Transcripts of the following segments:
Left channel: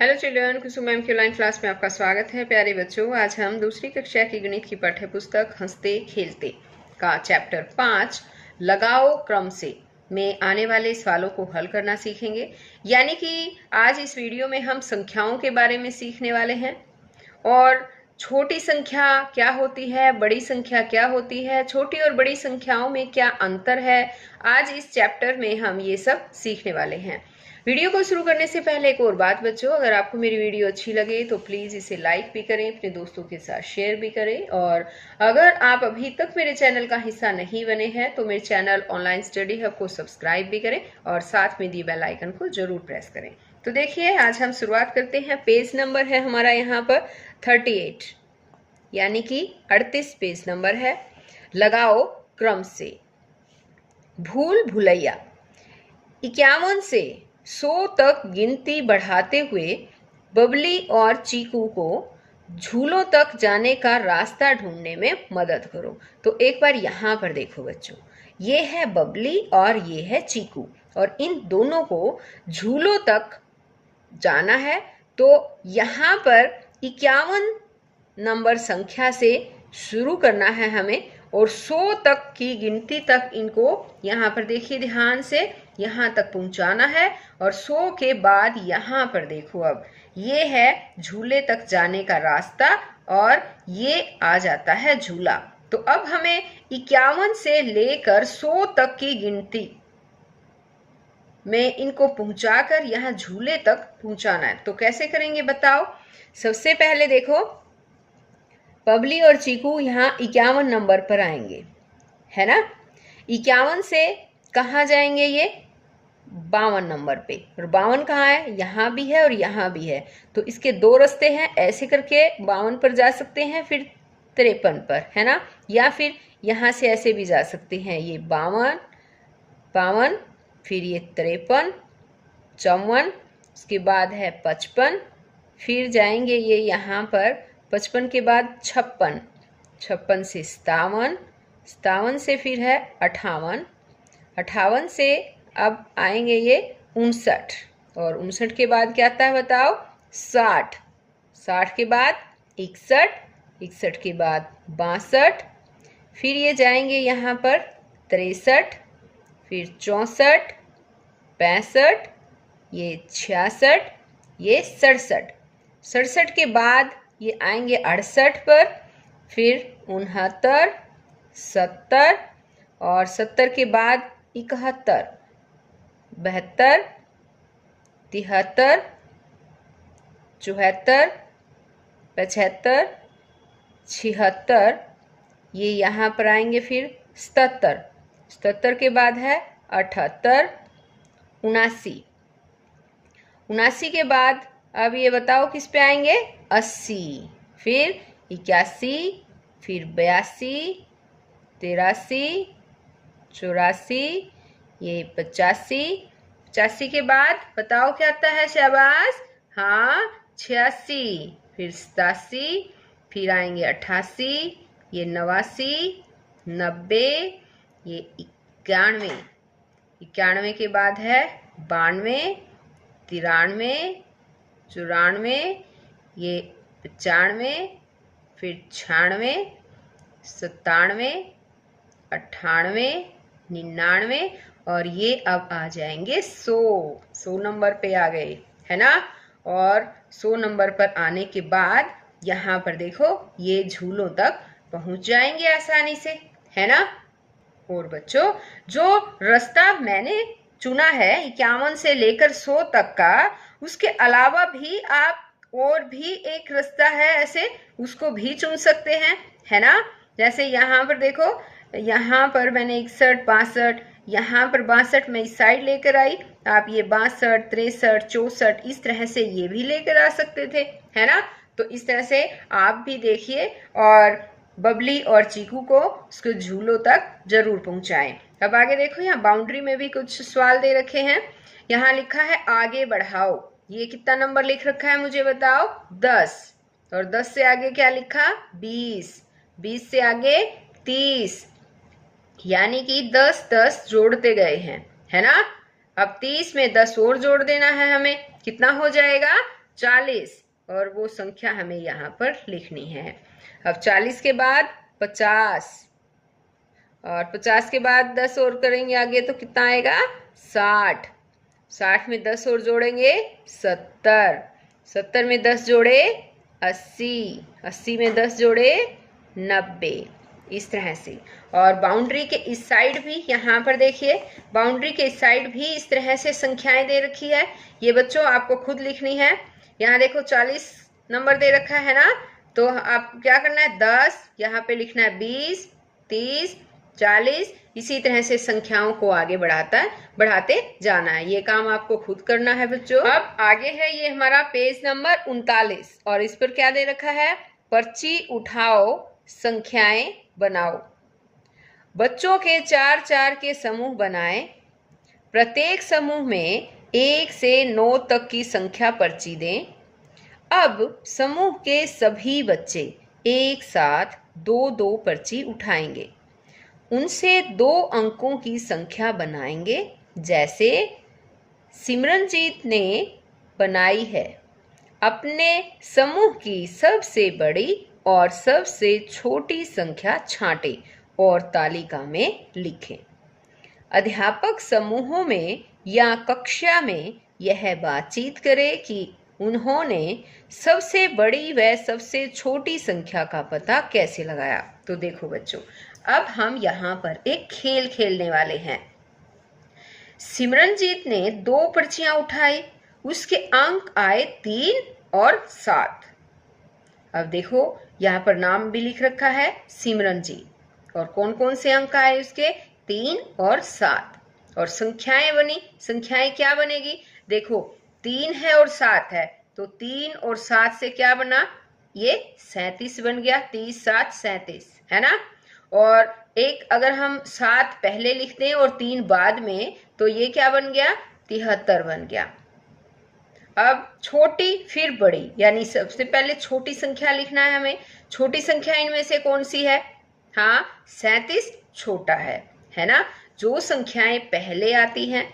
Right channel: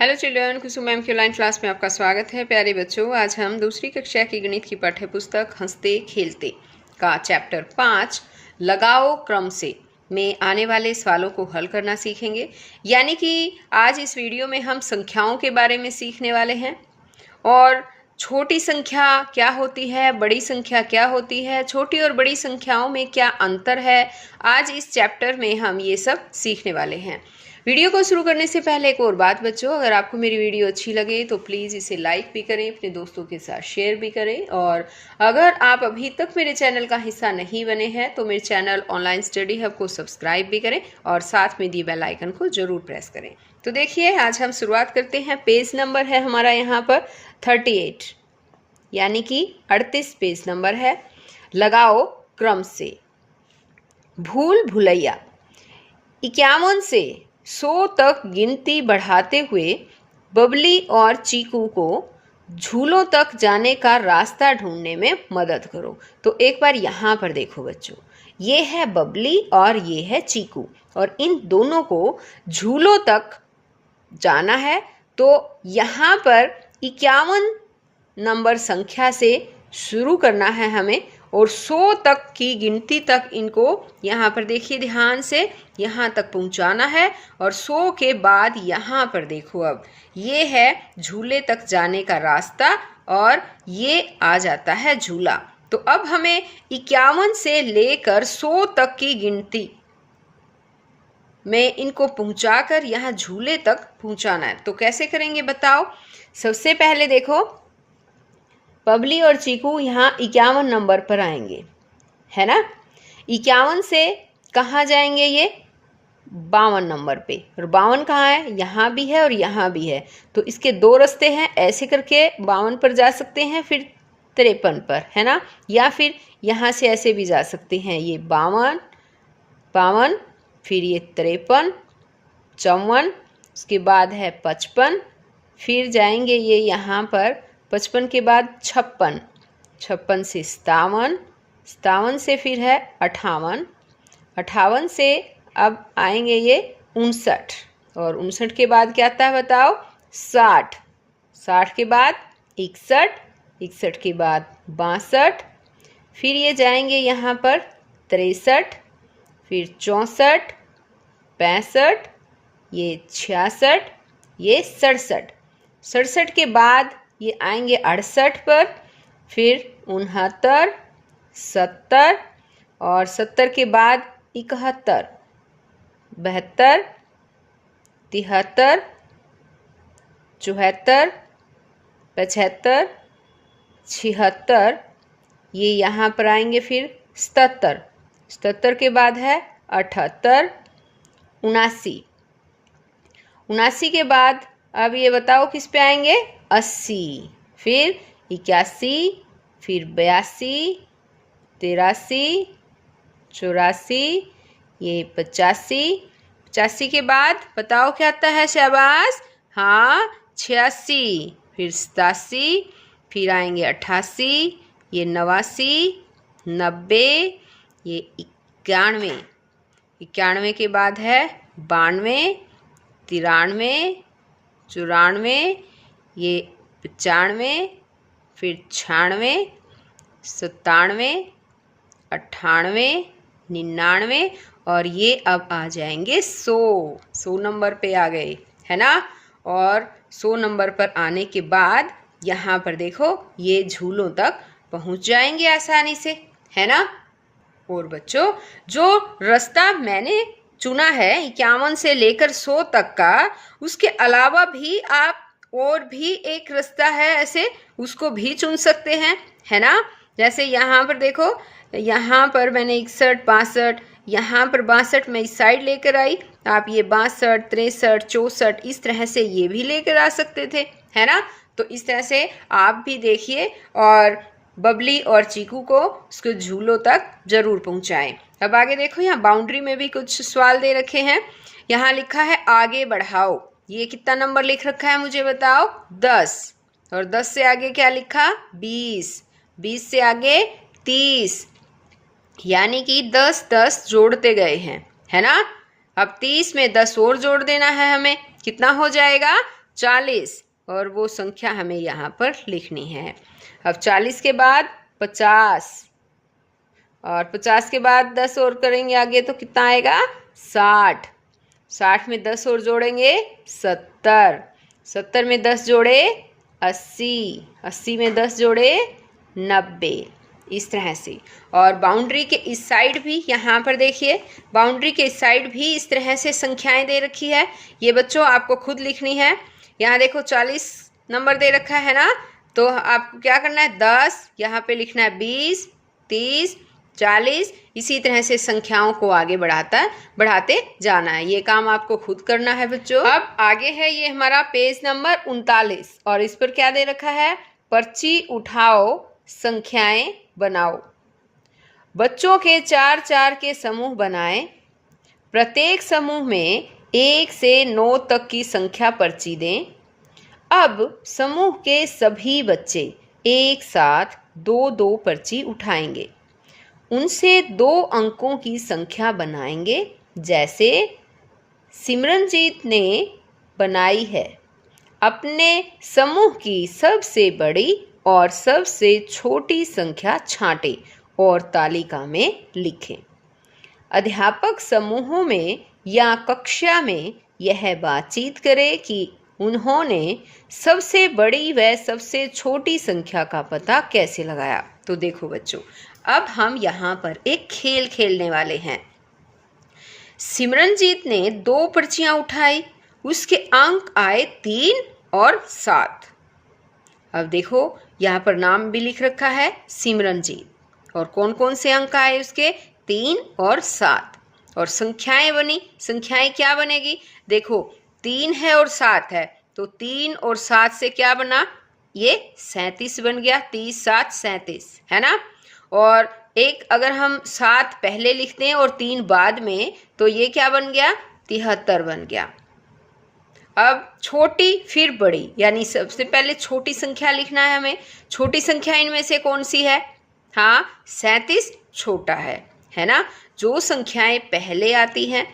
Hello children, कुसुम ma'am की online class में आपका स्वागत है। प्यारे बच्चों, आज हम दूसरी कक्षा की गणित की पाठ्य पुस्तक हंसते खेलते का चैप्टर 5 लगाओ क्रम से में आने वाले सवालों को हल करना सीखेंगे। यानी कि आज इस वीडियो में हम संख्याओं के बारे में सीखने वाले हैं और छोटी संख्या क्या होती है, बड़ी संख्या क्या होती है, छोटी और बड़ी संख्याओं में क्या अंतर है। आज इस चैप्टर में हम ये सब सीखने वाले हैं। वीडियो को शुरू करने से पहले एक और बात बच्चों, अगर आपको मेरी वीडियो अच्छी लगे तो प्लीज़ इसे लाइक भी करें, अपने दोस्तों के साथ शेयर भी करें। और अगर आप अभी तक मेरे चैनल का हिस्सा नहीं बने हैं तो मेरे चैनल ऑनलाइन स्टडी हब को सब्सक्राइब भी करें और साथ में दिए बेल आइकन को जरूर प्रेस करें। तो देखिए, आज हम शुरुआत करते हैं। पेज नंबर है हमारा यहाँ पर 38, यानी कि 38 पेज नंबर है। लगाओ क्रम से। भूल भुलैया 51 से 100 तक गिनती बढ़ाते हुए बबली और चीकू को झूलों तक जाने का रास्ता ढूंढने में मदद करो। तो एक बार यहाँ पर देखो बच्चों, ये है बबली और ये है चीकू और इन दोनों को झूलों तक जाना है। तो यहाँ पर 51 नंबर संख्या से शुरू करना है हमें और 100 तक की गिनती तक इनको यहाँ पर देखिए ध्यान से यहाँ तक पहुँचाना है। और 100 के बाद यहाँ पर देखो, अब ये है झूले तक जाने का रास्ता और ये आ जाता है झूला। तो अब हमें 51 से लेकर 100 तक की गिनती में इनको पहुँचाकर यहाँ झूले तक पहुँचाना है। तो कैसे करेंगे बताओ। सबसे पहले देखो, बबली और चीकू यहाँ 51 नंबर पर आएंगे, है ना। 51 से कहाँ जाएंगे, ये 52 नंबर पे। और 52 कहाँ है, यहाँ भी है और यहाँ भी है। तो इसके दो रास्ते हैं, ऐसे करके 52 पर जा सकते हैं, फिर 53 पर, है ना। या फिर यहाँ से ऐसे भी जा सकते हैं, ये 52, फिर ये 53, 54, उसके बाद है 55, फिर जाएंगे ये यहाँ पर 55 के बाद 56, 56 से 57, 57 से फिर है 58, 58 से अब आएंगे ये 59 और 59 के बाद क्या आता है बताओ, 60, 60 के बाद 61, 61 के बाद 62, फिर ये जाएंगे यहाँ पर 63, फिर 64, 65, ये 66, ये 67, 67 के बाद ये आएंगे 68 पर, फिर 69, 70 और 70 के बाद 71, 72, 73, 74, 75, 76, ये यहाँ पर आएंगे फिर 77, 77 के बाद है 78, 79, 79 के बाद अब ये बताओ किस पे आएंगे, 80, फिर 81, फिर 82, 83, 84, ये 85, 85 के बाद बताओ क्या आता है, शाबाश, हाँ 86, फिर 87, फिर आएंगे 88, ये 89, 90, ये 91, 91 के बाद है 92, 93, 94, ये 95, फिर 96, 97, 98, 99 और ये अब आ जाएंगे 100 नंबर पे आ गए, है ना। और 100 नंबर पर आने के बाद यहाँ पर देखो ये झूलों तक पहुँच जाएंगे आसानी से, है ना। और बच्चों, जो रास्ता मैंने चुना है 51 से लेकर 100 तक का, उसके अलावा भी आप और भी एक रास्ता है ऐसे, उसको भी चुन सकते हैं, है ना। जैसे यहाँ पर देखो, यहाँ पर मैंने 61, 62, यहाँ पर 62 मैं इस साइड लेकर आई, आप ये 62, 63, 64 इस तरह से ये भी लेकर आ सकते थे, है ना। तो इस तरह से आप भी देखिए और बबली और चीकू को उसके झूलों तक जरूर पहुंचाएं। अब आगे देखो, यहाँ बाउंड्री में भी कुछ सवाल दे रखे हैं। यहाँ लिखा है आगे बढ़ाओ, ये कितना नंबर लिख रखा है मुझे बताओ, 10। और 10 से आगे क्या लिखा, 20, 20 से आगे 30, यानी कि 10 10 जोड़ते गए हैं, है ना। अब 30 में 10 और जोड़ देना है हमें, कितना हो जाएगा, 40 और वो संख्या हमें यहाँ पर लिखनी है। अब 40 के बाद 50 और 50 के बाद 10 और करेंगे आगे तो कितना आएगा 60। 60 में 10 और जोड़ेंगे 70। 70 में 10 जोड़े 80। 80 में 10 जोड़े 90। इस तरह से। और बाउंड्री के इस साइड भी यहाँ पर देखिए, बाउंड्री के इस साइड भी इस तरह से संख्याएं दे रखी है। ये बच्चों आपको खुद लिखनी है। यहाँ देखो 40 नंबर दे रखा है ना, तो आपको क्या करना है 10, यहाँ पे लिखना है 20, 30, 40। इसी तरह से संख्याओं को आगे बढ़ाते जाना है। ये काम आपको खुद करना है बच्चों। अब आगे है ये हमारा पेज नंबर 39 और इस पर क्या दे रखा है, पर्ची उठाओ, संख्याएं बनाओ। बच्चों के 4-4 के समूह बनाएं। प्रत्येक समूह में 1 से 9 तक की संख्या पर्ची दें। अब समूह के सभी बच्चे एक साथ 2-2 पर्ची उठाएंगे। उनसे 2 अंकों की संख्या बनाएंगे, जैसे सिमरनजीत ने बनाई है। अपने समूह की सबसे बड़ी और सबसे छोटी संख्या छांटें और तालिका में लिखें। अध्यापक समूहों में या कक्षा में यह बातचीत करे कि उन्होंने सबसे बड़ी व सबसे छोटी संख्या का पता कैसे लगाया। तो देखो बच्चों, अब हम यहाँ पर एक खेल खेलने वाले हैं। सिमरनजीत ने 2 पर्चियां उठाई, उसके अंक आए 3 और 7। अब देखो यहाँ पर नाम भी लिख रखा है सिमरनजीत, और कौन कौन से अंक आए उसके 3 और 7। और संख्याएं बनी, संख्याएं क्या बनेगी, देखो 3 है और 7 है, तो 3 और 7 से क्या बना, ये 37 बन गया। 30 7 37 है ना। और एक अगर हम 7 पहले लिखते हैं और 3 बाद में, तो ये क्या बन गया 73 बन गया। अब छोटी फिर बड़ी, यानी सबसे पहले छोटी संख्या लिखना है हमें। छोटी संख्या इनमें से कौन सी है, हाँ 37 छोटा है ना। जो संख्याएं पहले आती हैं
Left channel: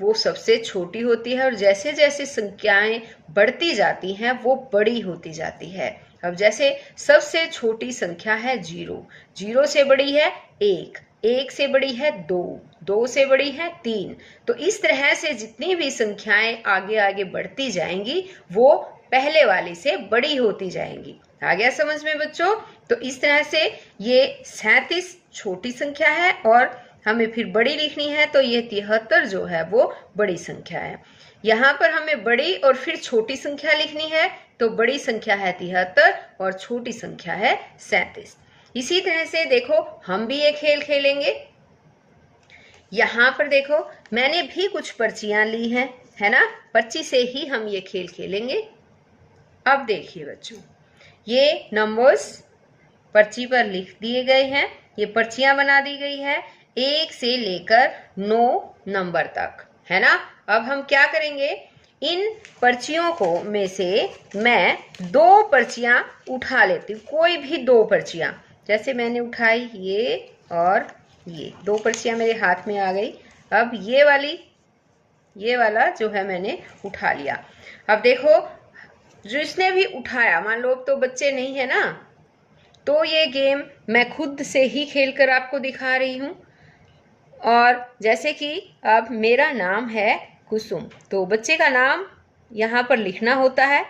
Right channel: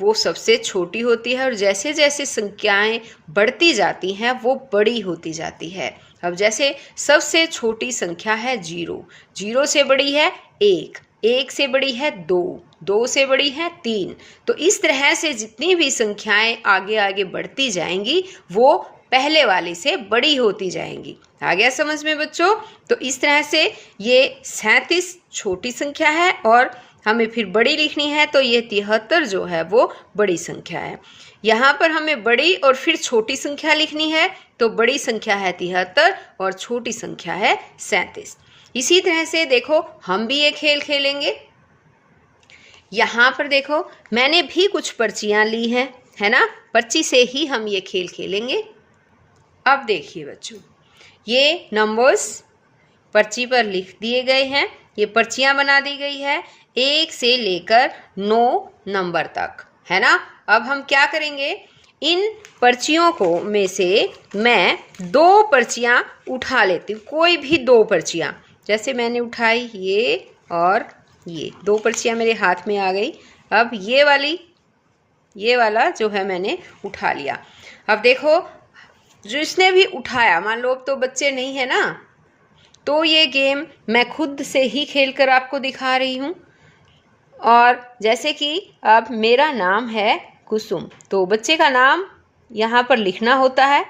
वो सबसे छोटी होती है, और जैसे जैसे संख्याएं बढ़ती जाती हैं वो बड़ी होती जाती है। अब जैसे सबसे छोटी संख्या है 0, 0 से बड़ी है 1, 1 से बड़ी है 2, 2 से बड़ी है 3। तो इस तरह से जितनी भी संख्याएं आगे आगे बढ़ती जाएंगी वो पहले वाली से बड़ी होती जाएंगी। आ गया समझ में बच्चों। तो इस तरह से ये 37 छोटी संख्या है और हमें फिर बड़ी लिखनी है, तो ये 73 जो है वो बड़ी संख्या है। यहाँ पर हमें बड़ी और फिर छोटी संख्या लिखनी है, तो बड़ी संख्या है 73 और छोटी संख्या है 37। इसी तरह से देखो हम भी ये खेल खेलेंगे। यहाँ पर देखो मैंने भी कुछ पर्चियाँ ली हैं, है ना। पर्ची से ही हम ये खेल खेलेंगे। अब देखिए बच्चों, ये नंबर्स पर्ची पर लिख दिए गए हैं, ये पर्चियाँ बना दी गई है 1 से लेकर 9 नंबर तक, है ना। अब हम क्या करेंगे, इन पर्चियों को में से मैं 2 पर्चियाँ उठा लेती हूँ, कोई भी 2 पर्चियाँ। जैसे मैंने उठाई ये और ये 2 पर्चियाँ मेरे हाथ में आ गई। अब ये वाला जो है मैंने उठा लिया। अब देखो जिसने भी उठाया, मान लो अब तो बच्चे नहीं है ना, तो ये गेम मैं खुद से ही खेलकर आपको दिखा रही हूँ। और जैसे कि अब मेरा नाम है कुसुम, तो बच्चे का नाम यहाँ पर लिखना होता है।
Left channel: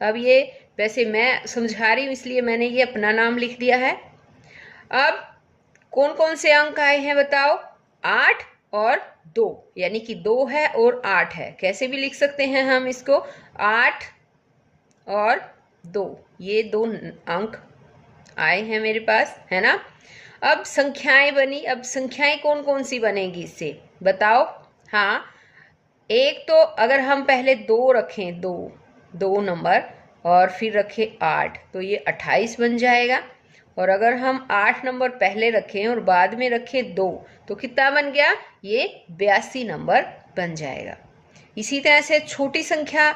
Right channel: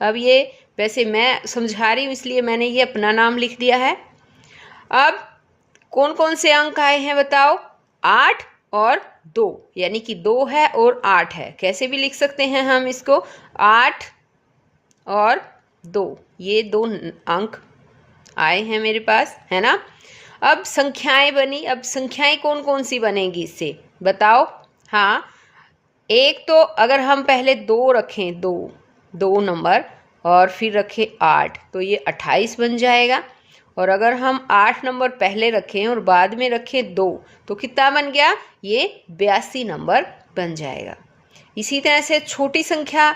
अब ये वैसे मैं समझा रही हूँ इसलिए मैंने ये अपना नाम लिख दिया है। अब कौन कौन से अंक आए हैं बताओ, 8 और 2, यानी कि 2 है और 8 है। कैसे भी लिख सकते हैं हम इसको, 8 और 2, ये 2 अंक आए हैं मेरे पास, है ना। अब संख्याएं बनी। अब संख्याएं कौन कौन सी बनेगी इससे बताओ। हाँ, एक तो अगर हम पहले 2 रखें, 2 नंबर और फिर रखें 8, तो ये 28 बन जाएगा। और अगर हम 8 नंबर पहले रखें और बाद में रखें 2, तो कितना बन गया, ये 82 नंबर बन जाएगा। इसी तरह से छोटी संख्या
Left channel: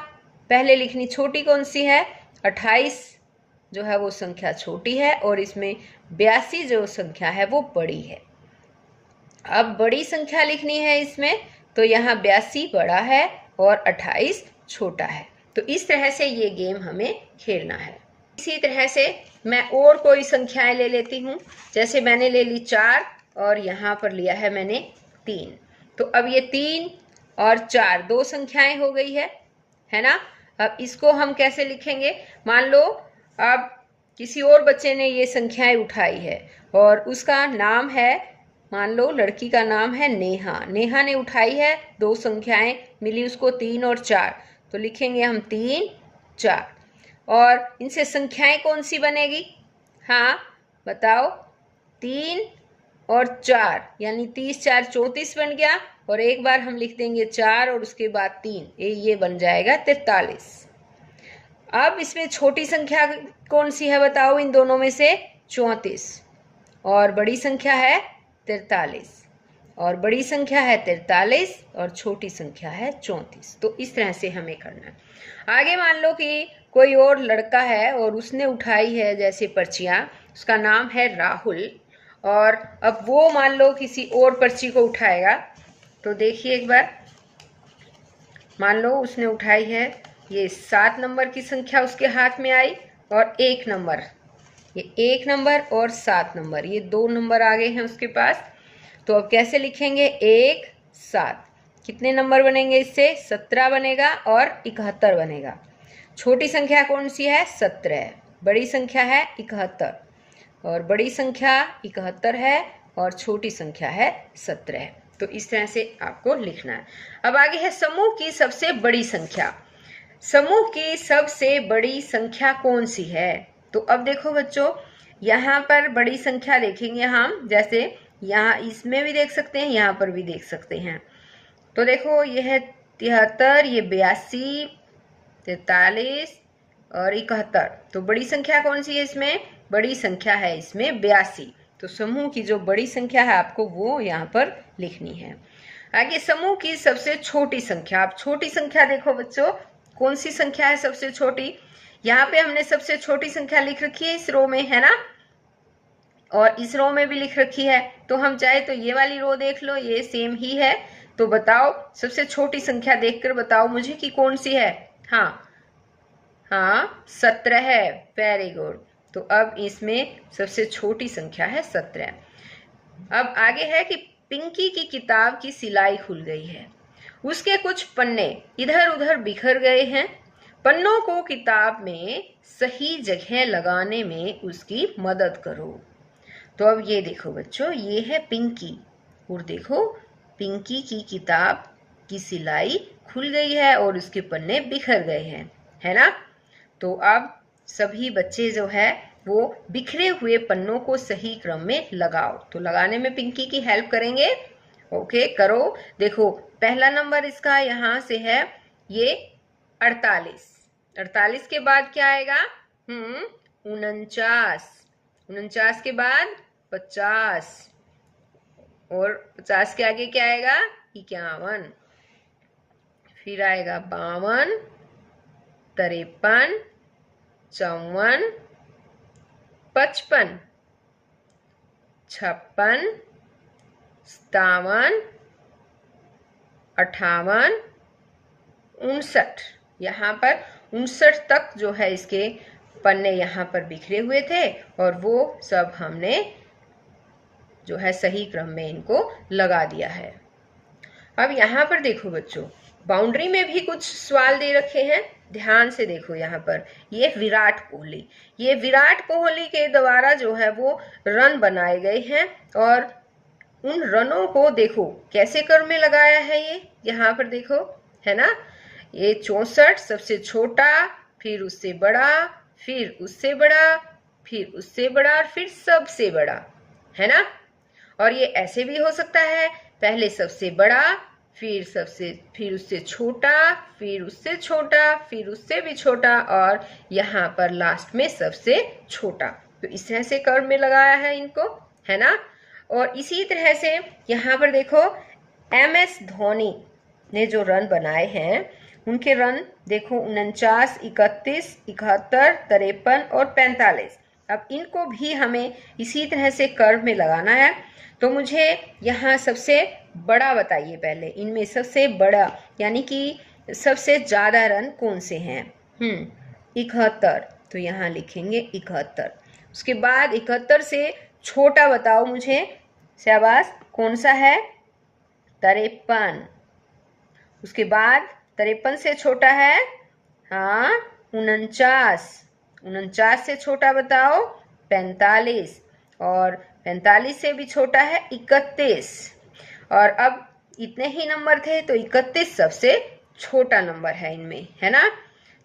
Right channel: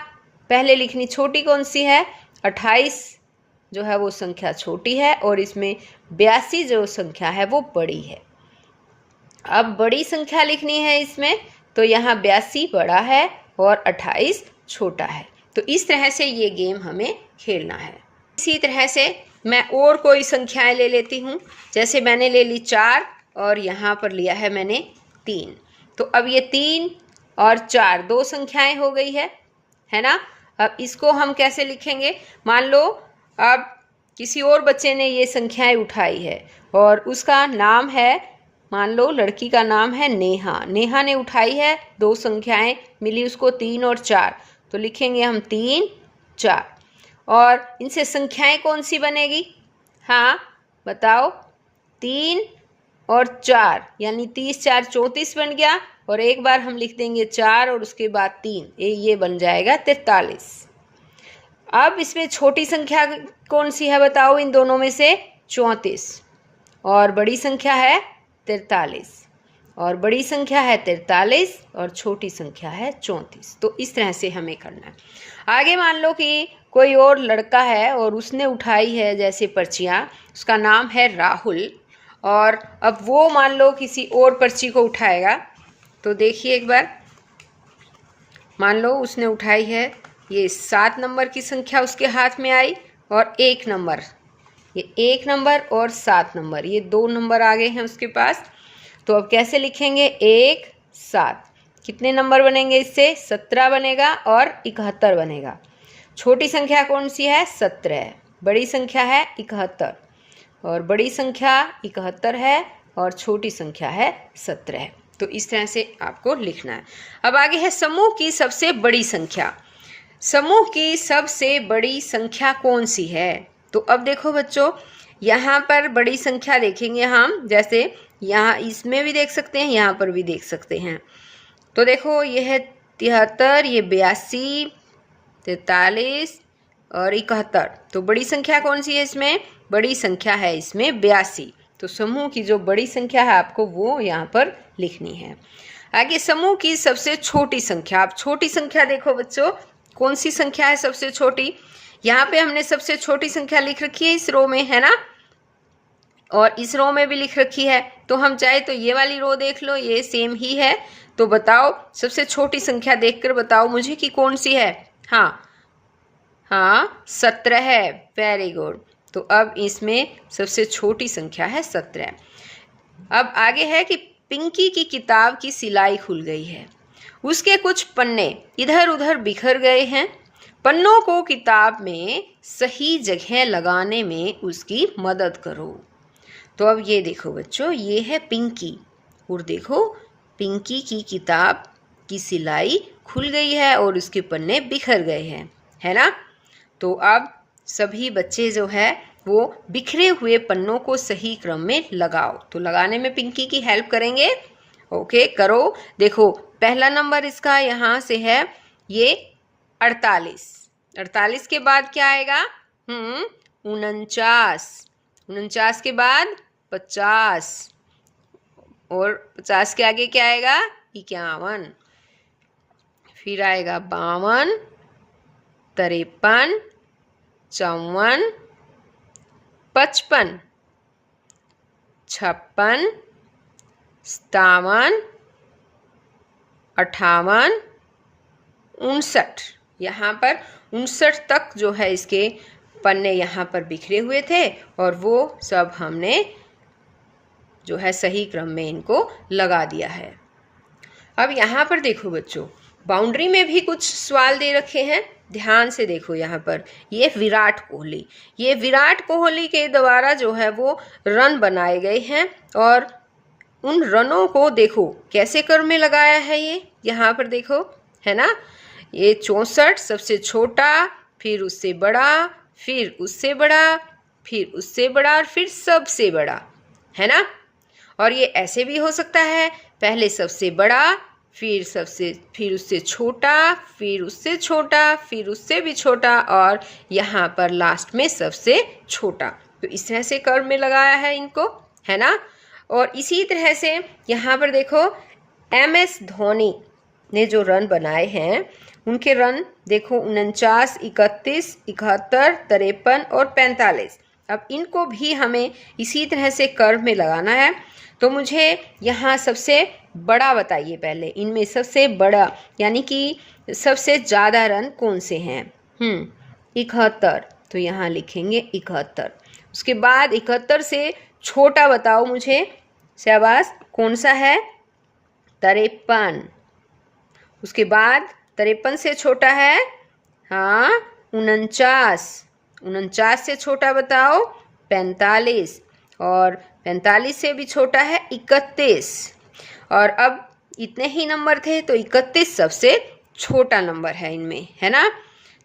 पहले लिखनी, छोटी कौन सी है, 28 जो है वो संख्या छोटी है और इसमें 82 जो संख्या है वो बड़ी है। अब बड़ी संख्या लिखनी है इसमें, तो यहाँ 82 बड़ा है और 28 छोटा है। तो इस तरह से ये गेम हमें खेलना है। इसी तरह से मैं और कोई संख्याएं ले लेती हूँ। जैसे मैंने ले ली 4 और यहाँ पर लिया है मैंने 3। तो अब ये 3 और 4 दो संख्याएं हो गई है ना। अब इसको हम कैसे लिखेंगे? मान लो अब किसी और बच्चे ने ये संख्याएं उठाई है और उसका नाम है, मान लो लड़की का नाम है नेहा। नेहा ने उठाई है दो संख्याएं, मिली उसको 3 और 4। तो लिखेंगे हम 3 4। और इनसे संख्याएं कौन सी बनेगी? हाँ बताओ। 3 और 4 यानी 30 4 34 बन गया। और एक बार हम लिख देंगे 4 और उसके बाद 3, ये बन जाएगा 43। अब इसमें छोटी संख्या कौन सी है बताओ इन दोनों में से? 34। और बड़ी संख्या है 43। और बड़ी संख्या है 43 और छोटी संख्या है 34। तो इस तरह से हमें करना है। आगे मान लो कि कोई और लड़का है और उसने उठाई है जैसे पर्चियाँ, उसका नाम है राहुल। और अब वो मान लो किसी और पर्ची को उठाएगा। तो देखिए एक बार, मान लो उसने उठाई है ये 7 नंबर की संख्या उसके हाथ में आई और 1 नंबर, ये 1 नंबर और 7 नंबर, ये 2 नंबर आ गए हैं उसके पास। तो अब कैसे लिखेंगे? 1 7। कितने नंबर बनेंगे इससे? 17 बनेगा और 71 बनेगा। छोटी संख्या कौन सी है? 17। बड़ी संख्या है 71। और बड़ी संख्या 71 है और छोटी संख्या है 17। तो इस तरह से आपको लिखना है। अब आगे है समूह की सबसे बड़ी संख्या। समूह की सबसे बड़ी संख्या कौन सी है? तो अब देखो बच्चों, यहाँ पर बड़ी संख्या देखेंगे हम, जैसे यहाँ इसमें भी देख सकते हैं, यहाँ पर भी देख सकते हैं। तो देखो ये है 73, ये 82, 43 और 71। तो बड़ी संख्या कौन सी है इसमें? बड़ी संख्या है इसमें 82। तो समूह की जो बड़ी संख्या है आपको वो यहाँ पर लिखनी है। आगे समूह की सबसे छोटी संख्या। अब छोटी संख्या देखो बच्चों, कौन सी संख्या है सबसे छोटी? यहाँ पे हमने सबसे छोटी संख्या लिख रखी है इस रो में, है ना, और इस रो में भी लिख रखी है। तो हम चाहे तो ये वाली रो देख लो, ये सेम ही है। तो बताओ सबसे छोटी संख्या देखकर बताओ मुझे कि कौन सी है। हाँ 17 है। Very good. तो अब इसमें सबसे छोटी संख्या है 17। अब आगे है कि पिंकी की किताब की सिलाई खुल गई है। उसके कुछ पन्ने इधर उधर बिखर गए हैं। पन्नों को किताब में सही जगह लगाने में उसकी मदद करो। तो अब ये देखो बच्चों, ये है पिंकी और देखो पिंकी की किताब की सिलाई खुल गई है और उसके पन्ने बिखर गए हैं, है ना। तो अब सभी बच्चे जो है वो बिखरे हुए पन्नों को सही क्रम में लगाओ। तो लगाने में पिंकी की हेल्प करेंगे। ओके करो। देखो पहला नंबर इसका यहाँ से है ये 48। 48 के बाद क्या आएगा? 49। 49 के बाद 50 और 50 के आगे क्या आएगा? 51। फिर आएगा 52, 53, 54, 55, 56, 57, 58, 59। यहाँ पर 59 तक जो है इसके पन्ने यहाँ पर बिखरे हुए थे और वो सब हमने जो है सही क्रम में इनको लगा दिया है। अब यहाँ पर देखो बच्चों, बाउंड्री में भी कुछ सवाल दे रखे हैं, ध्यान से देखो। यहाँ पर ये विराट कोहली, ये विराट कोहली के द्वारा जो है वो रन बनाए गए हैं और उन रनों को देखो कैसे क्रम में लगाया है। ये यहाँ पर देखो, है ना। ये 64 सबसे छोटा, फिर उससे बड़ा, फिर उससे बड़ा, फिर उससे बड़ा और फिर सबसे बड़ा, है ना। और ये ऐसे भी हो सकता है, पहले सबसे बड़ा, फिर उससे छोटा, फिर उससे छोटा, फिर उससे भी छोटा और यहाँ पर लास्ट में सबसे छोटा। तो इस तरह से कर्व में लगाया है इनको, है ना। और इसी तरह से यहाँ पर देखो MS धोनी ने जो रन बनाए हैं उनके रन देखो 49, 31, 71, 53 और 45। अब इनको भी हमें इसी तरह से कर्व में लगाना है। तो मुझे यहाँ सबसे बड़ा बताइए पहले, इनमें सबसे बड़ा, यानी कि सबसे ज़्यादा रन कौन से हैं? 71, तो यहाँ लिखेंगे 71। उसके बाद 71 से छोटा बताओ मुझे, शाबाश, कौन सा है? 53। उसके बाद 53 से छोटा है, हाँ, 49। 49 से छोटा बताओ, 45। और 45 से भी छोटा है 31। और अब इतने ही नंबर थे, तो 31 सबसे छोटा नंबर है इनमें, है ना?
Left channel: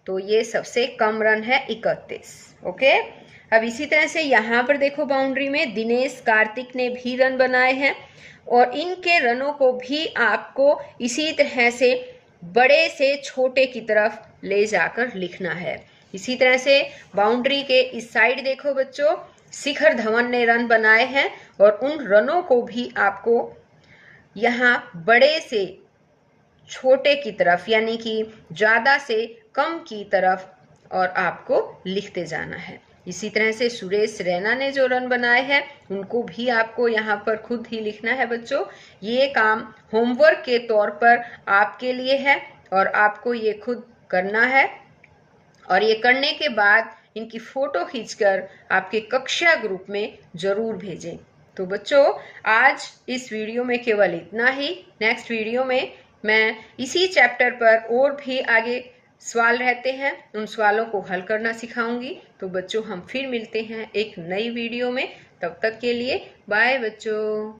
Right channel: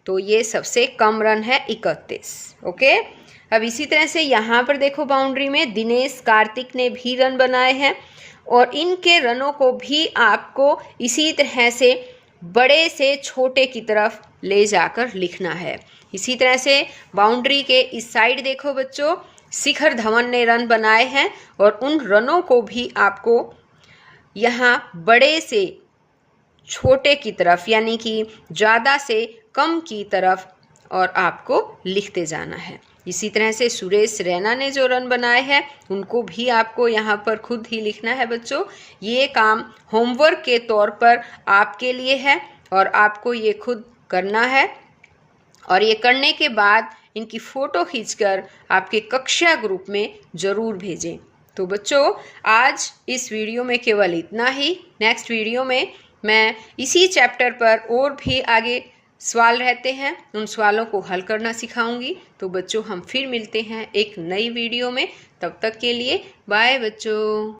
तो ये सबसे कम रन है 31। ओके, अब इसी तरह से यहाँ पर देखो बाउंड्री में दिनेश कार्तिक ने भी रन बनाए हैं, और इनके रनों को भी आपको इसी तरह से बड़े से छोटे की तरफ ले जाकर लिखना है। इसी तरह से बाउंड्री के इस साइड देखो बच्चों, शिखर धवन ने रन बनाए हैं, और उन रनों को भी आपको यहाँ बड़े से छोटे की तरफ, यानी कि ज़्यादा से कम की तरफ, और आपको लिखते जाना है। इसी तरह से सुरेश रैना ने जो रन बनाए हैं उनको भी आपको यहाँ पर खुद ही लिखना है बच्चों। ये काम होमवर्क के तौर पर आपके लिए है, और आपको ये खुद करना है, और ये करने के बाद इनकी फ़ोटो खींचकर आपके कक्षा ग्रुप में ज़रूर भेजें। तो बच्चों, आज इस वीडियो में केवल इतना ही। नेक्स्ट वीडियो में मैं इसी चैप्टर पर और भी आगे सवाल रहते हैं, उन सवालों को हल करना सिखाऊंगी। तो बच्चों, हम फिर मिलते हैं एक नई वीडियो में। तब तक के लिए बाय बच्चों।